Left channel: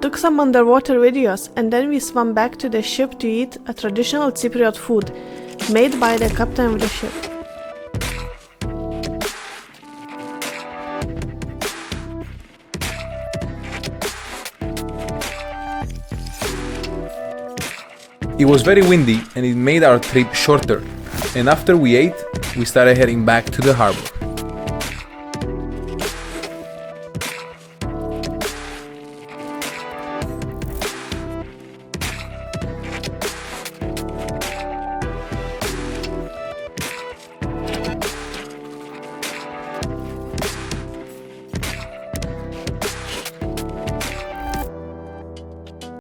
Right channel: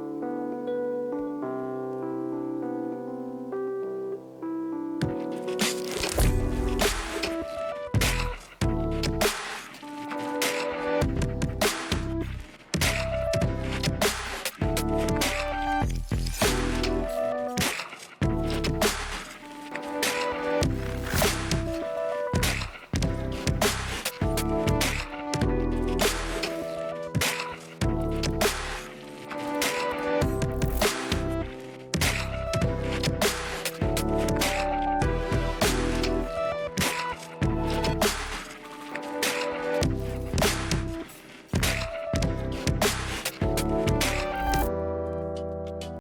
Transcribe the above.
took some underwater videos, and then we swam back to the ship to eat a traditional Cypriot food made by the captain of the ship. It was very windy and it made our trip shorter, and after we ate, we started heading back to the harbor.